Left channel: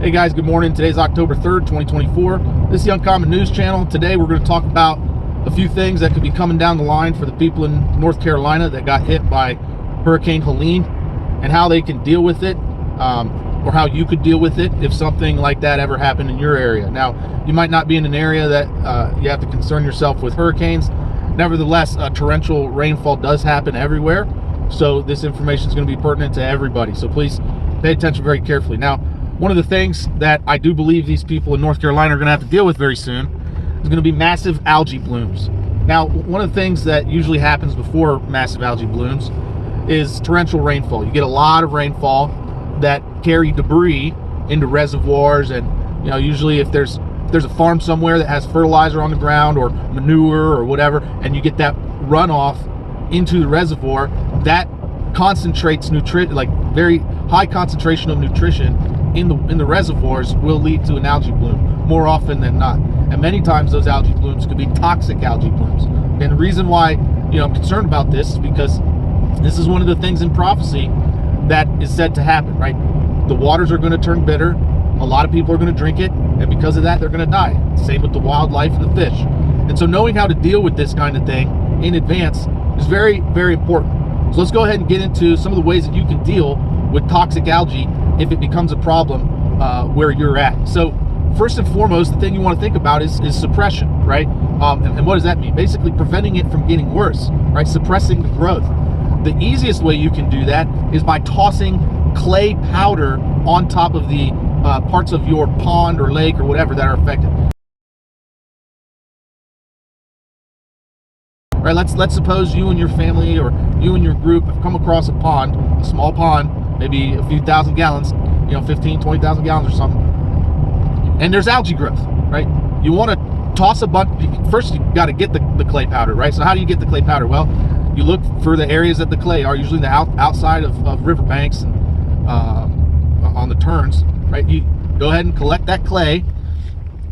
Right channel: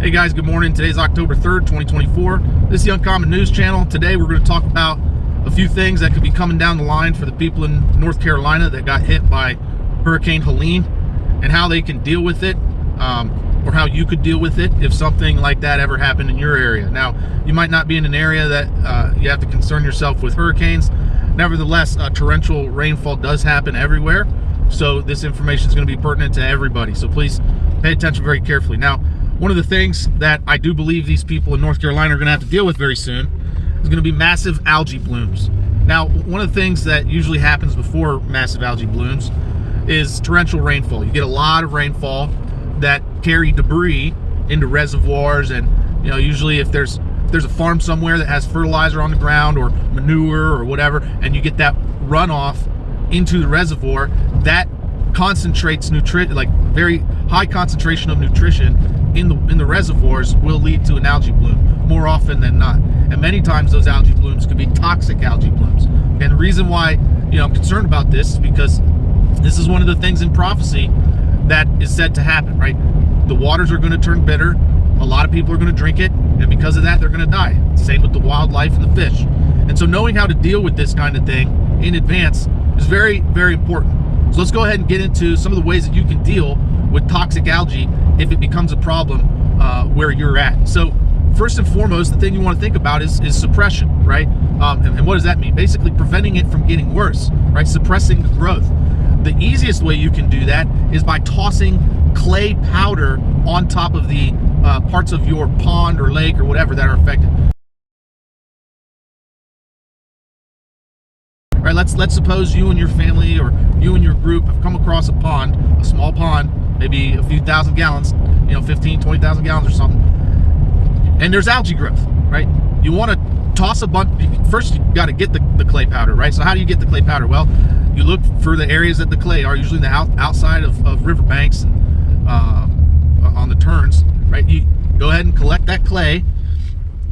Hey guys, good morning. Today's October 3rd, 2024. This is the Uncommon News Channel. Today we're going to talk about a few things that could be coming down the line for the people in North Carolina that got hit by Hurricane Helene and how they can deal with it, or how you could deal with it if something like that ever happened in your area. Now, you might not be in an area that you have to concern yourself with hurricanes. Nevertheless, torrential rainfall does happen everywhere, so this information is going to be pertinent to everybody. So please pay attention very carefully. Now, one of the things that I do believe these people in North Carolina are going to have to deal with very soon is going to be massive algae blooms. Now, one of the things that usually happens before massive algae blooms is torrential rainfall. You get a lot of rainfall that carry debris into reservoirs, and usually if there's a farm somewhere that has fertilizer on the ground or manure or whatever, and you get that runoff into the reservoir, that concentrates very high concentration of nutrition in the reservoirs will lead to an algae bloom more often than not. And many times those algae blooms could be toxic algae blooms. And the reason why I'm concerned about this is because this is one of the things in prophecy that is said to happen, right? The waters are going to turn bitter. A lot of people are going to drink it, and because of that, they're going to die. Same with the wildlife and the fish. And so knowing how to deal with this kind of thing in advance is very, very important. So let's go ahead and get into some of the ways that you can deal with toxic algae if it becomes a problem where you're at. So first and foremost, the thing you want to think about is suppression, right? And what does that mean? Basically preventing it from getting worse, right? Suppressing the growth. The easiest way you can do that is by tossing clay powder on top of the parts of your pond or lake or whatever that are affected. Right, let's suppose you and your family or you and your group have come across a small pond, maybe a few thousand gallons, 15, 20,000 gallons or something, and there's algae growth, right? You want to toss a bunch. First, you got to get the clay powder, right? So how do you get the clay powder? Well, you look for the areas that the clay are, usually the outside of riverbanks, on the turns, right? You go ahead and collect that clay.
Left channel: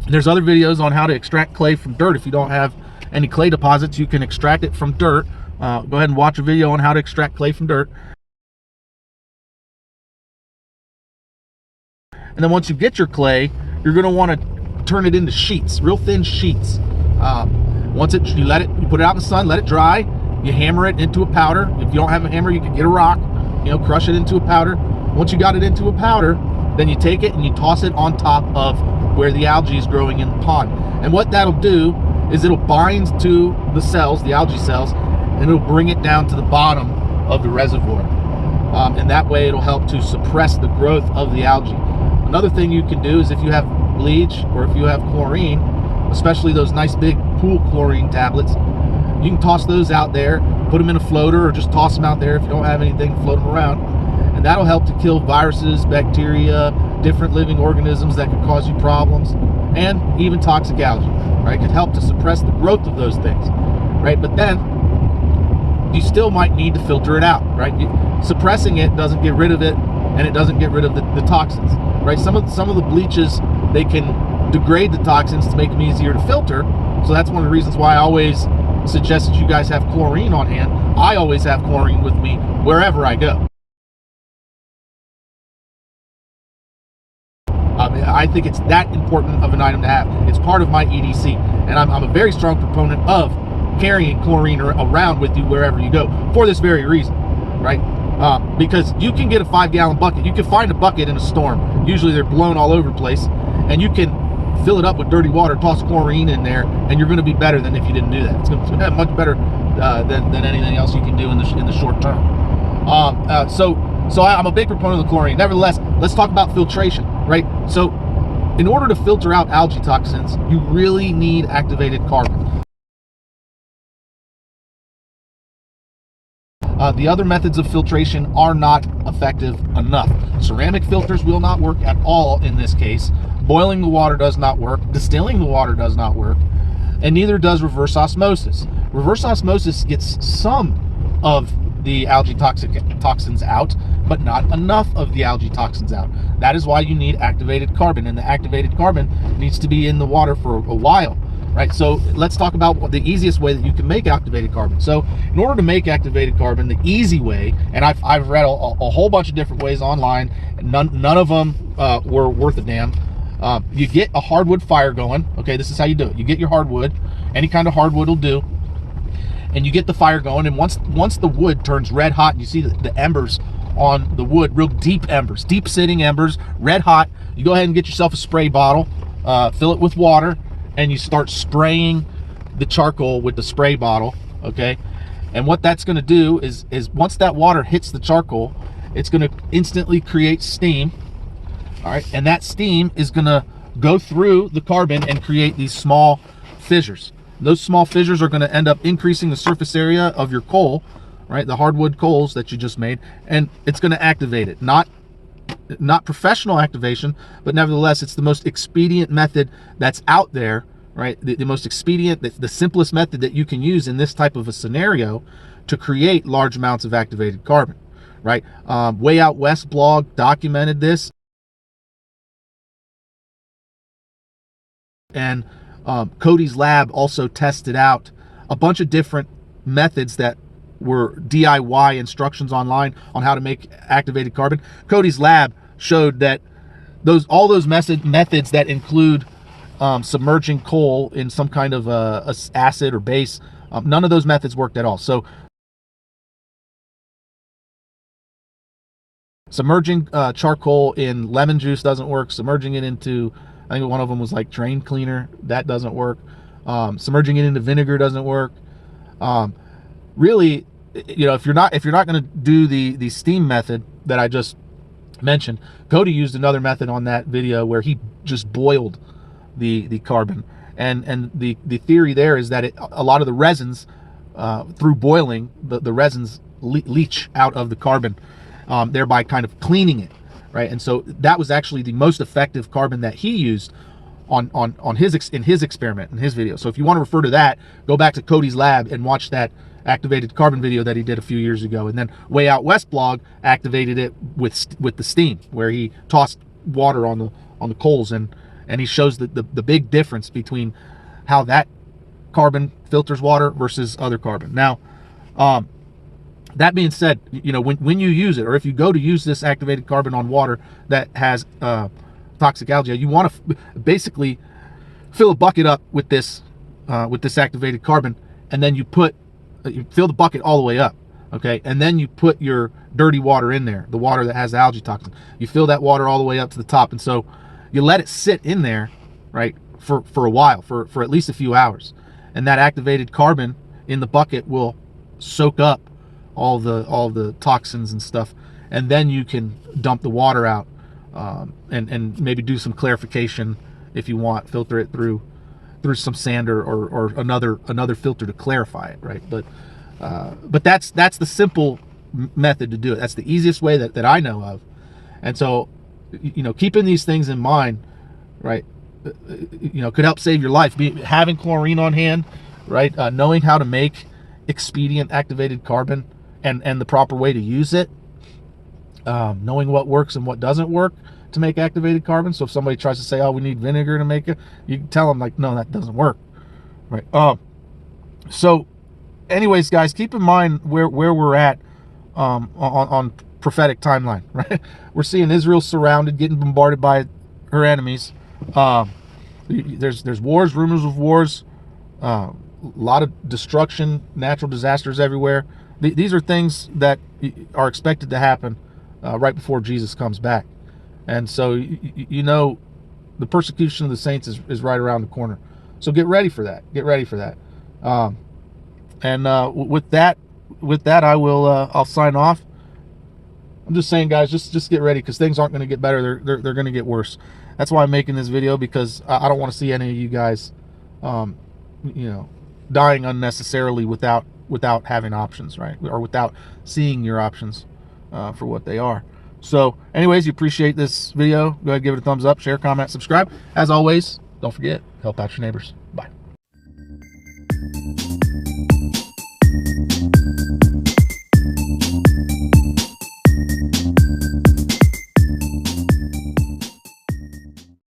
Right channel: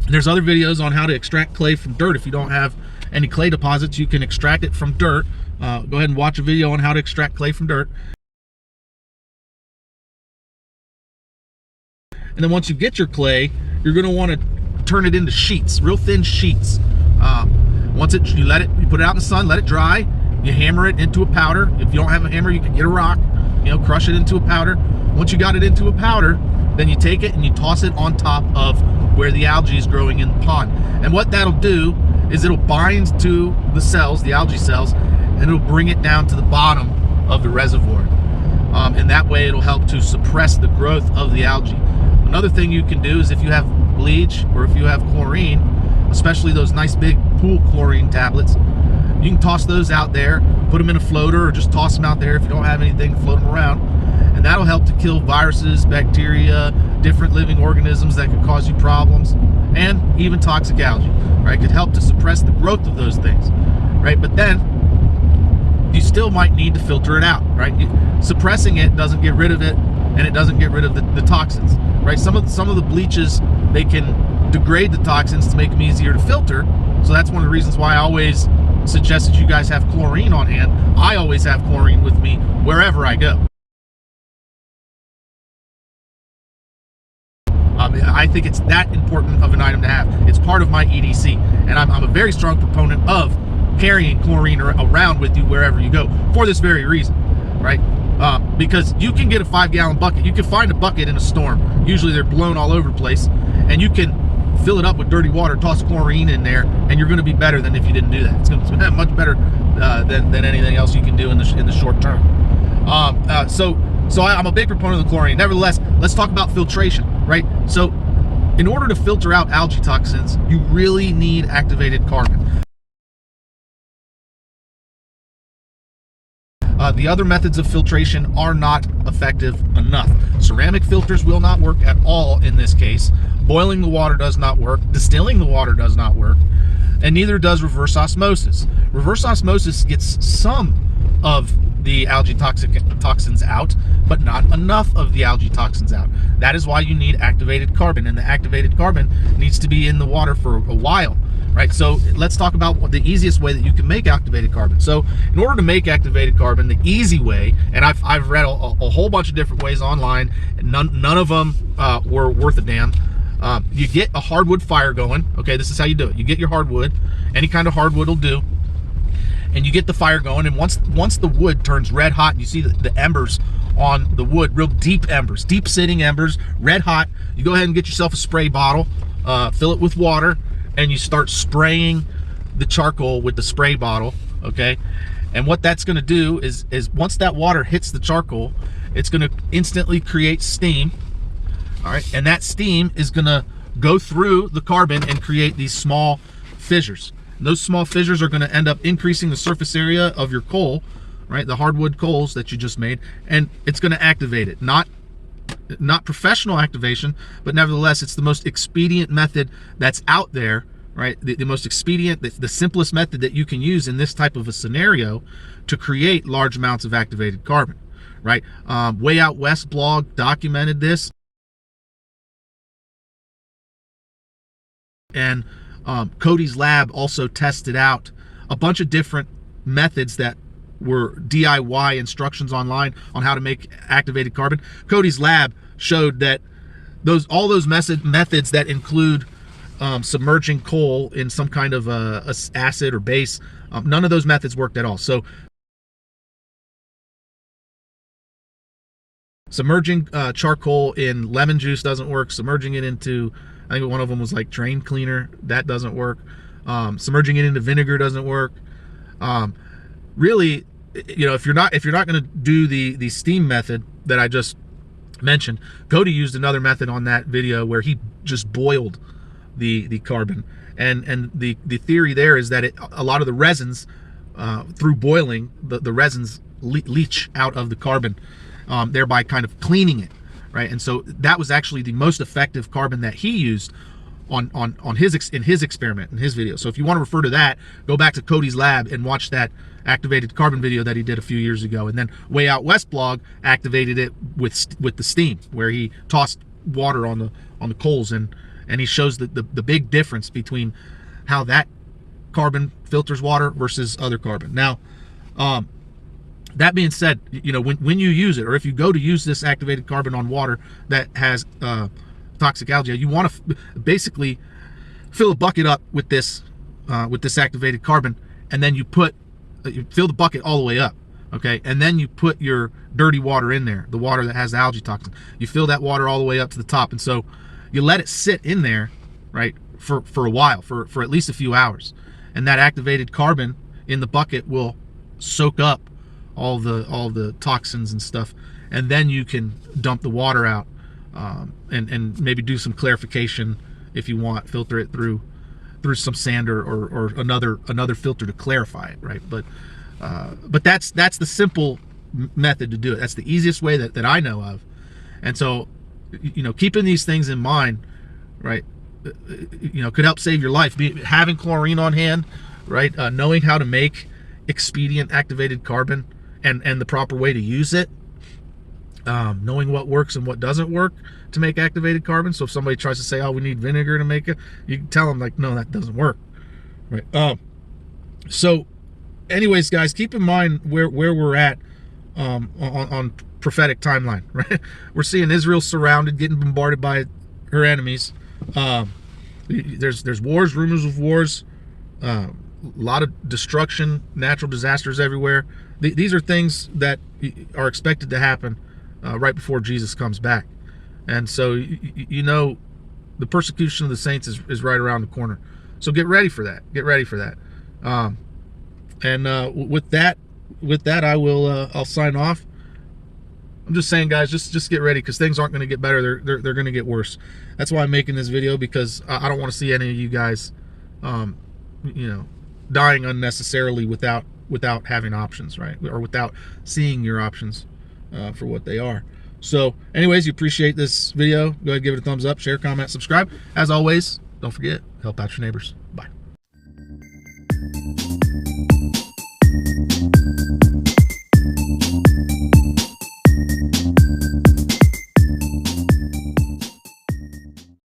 There's other videos on how to extract clay from dirt. If you don't have any clay deposits, you can extract it from dirt. Go ahead and watch a video on how to extract clay from dirt. And then once you get your clay, you're going to want to turn it into sheets, real thin sheets. Once you put it out in the sun, let it dry. You hammer it into a powder. If you don't have a hammer, you can get a rock, crush it into a powder. Once you got it into a powder, then you take it and you toss it on top of where the algae is growing in the pond. And what that'll do is it'll bind to the cells, the algae cells, and it'll bring it down to the bottom of the reservoir. And that way it'll help to suppress the growth of the algae. Another thing you can do is if you have bleach or if you have chlorine, especially those nice big pool chlorine tablets, you can toss those out there, put them in a floater, or just toss them out there if you don't have anything, float them around. And that'll help to kill viruses, bacteria, different living organisms that could cause you problems, and even toxic algae, right? It could help to suppress the growth of those things, right? But then you still might need to filter it out, right? Suppressing it doesn't get rid of it, and it doesn't get rid of the toxins, right? Some of the bleaches, they can degrade the toxins to make them easier to filter. So that's one of the reasons why I always suggest that you guys have chlorine on hand. I always have chlorine with me wherever I go. I think it's that important of an item to have. It's part of my EDC, and I'm a very strong proponent of carrying chlorine around with you wherever you go for this very reason, right? Because you can get a 5-gallon bucket. You can find a bucket in a storm. Usually they're blown all over the place, and you can fill it up with dirty water, toss chlorine in there, and you're going to be better than if you didn't do that. It's going to be much better than anything else you can do in the short term. So I'm a big proponent of the chlorine. Nevertheless, let's talk about filtration, right? So in order to filter out algae toxins, you really need activated carbon. The other methods of filtration are not effective enough. Ceramic filters will not work at all in this case. Boiling the water does not work. Distilling the water does not work. And neither does reverse osmosis. Reverse osmosis gets some of the algae toxins out, but not enough of the algae toxins out. That is why you need activated carbon, and the activated carbon needs to be in the water for a while. right? So let's talk about the easiest way that you can make activated carbon. So in order to make activated carbon, the easy way, and I've read a whole bunch of different ways online, and none of them were worth a damn. You get a hardwood fire going. Okay, this is how you do it. You get your hardwood, any kind of hardwood will do, and you get the fire going. And once the wood turns red hot, and you see the embers on the wood, real deep embers, deep sitting embers, red hot, you go ahead and get yourself a spray bottle, fill it with water, and you start spraying the charcoal with the spray bottle. Okay, and what that's going to do is once that water hits the charcoal, it's going to instantly create steam. All right, and that steam is going to go through the carbon and create these small fissures. And those small fissures are going to end up increasing the surface area of your coal, right? The hardwood coals that you just made, and it's going to activate it. Not professional activation, but nevertheless, it's the most expedient method that's out there, right? The most expedient, the simplest method that you can use in this type of a scenario to create large amounts of activated carbon, right? Way Out West blog documented this. And Cody's lab also tested out a bunch of different methods that were DIY instructions online on how to make activated carbon. Cody's lab showed that all those methods that include submerging coal in some kind of a acid or base, none of those methods worked at all. So submerging charcoal in lemon juice doesn't work. Submerging it into, I think one of them was like drain cleaner, that doesn't work. Submerging it into vinegar doesn't work. Really, you know, if you're not going to do the steam method that I just mentioned, Cody used another method on that video where he just boiled the carbon, and the theory there is that a lot of the resins, through boiling, the resins leach out of the carbon, thereby kind of cleaning it, right? And so that was actually the most effective carbon that he used in his experiment, in his video. So if you want to refer to that, go back to Cody's lab and watch that activated carbon video that he did a few years ago. And then Way Out West blog activated it with the steam, where he tossed water on the coals, and he shows the big difference between how that carbon filters water versus other carbon. Now, that being said, you know, when you use it, or if you go to use this activated carbon on water that has toxic algae, you want to basically fill a bucket up with this activated carbon, and then you fill the bucket all the way up, okay? And then you put your dirty water in there, the water that has the algae toxin. You fill that water all the way up to the top, and so you let it sit in there, right, for a while, for at least a few hours. And that activated carbon in the bucket will soak up all the toxins and stuff, and then you can dump the water out, and maybe do some clarification if you want, filter it through some sander or another filter to clarify it, right? But that's the simple method to do it. That's the easiest way that I know of. And so, you know, keeping these things in mind, right, you know, could help save your life. Having chlorine on hand, right, knowing how to make expedient activated carbon and the proper way to use it, knowing what works and what doesn't work to make activated carbon. So if somebody tries to say, oh, we need vinegar to make it, you can tell them, like, no, that doesn't work, right? So anyways, guys, keep in mind where we're at on prophetic timeline, right? We're seeing Israel surrounded, getting bombarded by her enemies. There's wars, rumors of wars, a lot of destruction, natural disasters everywhere. These are things that are expected to happen right before Jesus comes back. And so, you know, the persecution of the saints is right around the corner. So get ready for that. Get ready for that. With that, I will I'll sign off. I'm just saying, guys, just get ready, because things aren't going to get better. They're going to get worse. That's why I'm making this video, because I don't want to see any of you guys, you know, dying unnecessarily without having options, right? Or without seeing your options for what they are. So anyways, you appreciate this video, go ahead, give it a thumbs up, share, comment, subscribe. As always, don't forget, help out your neighbors.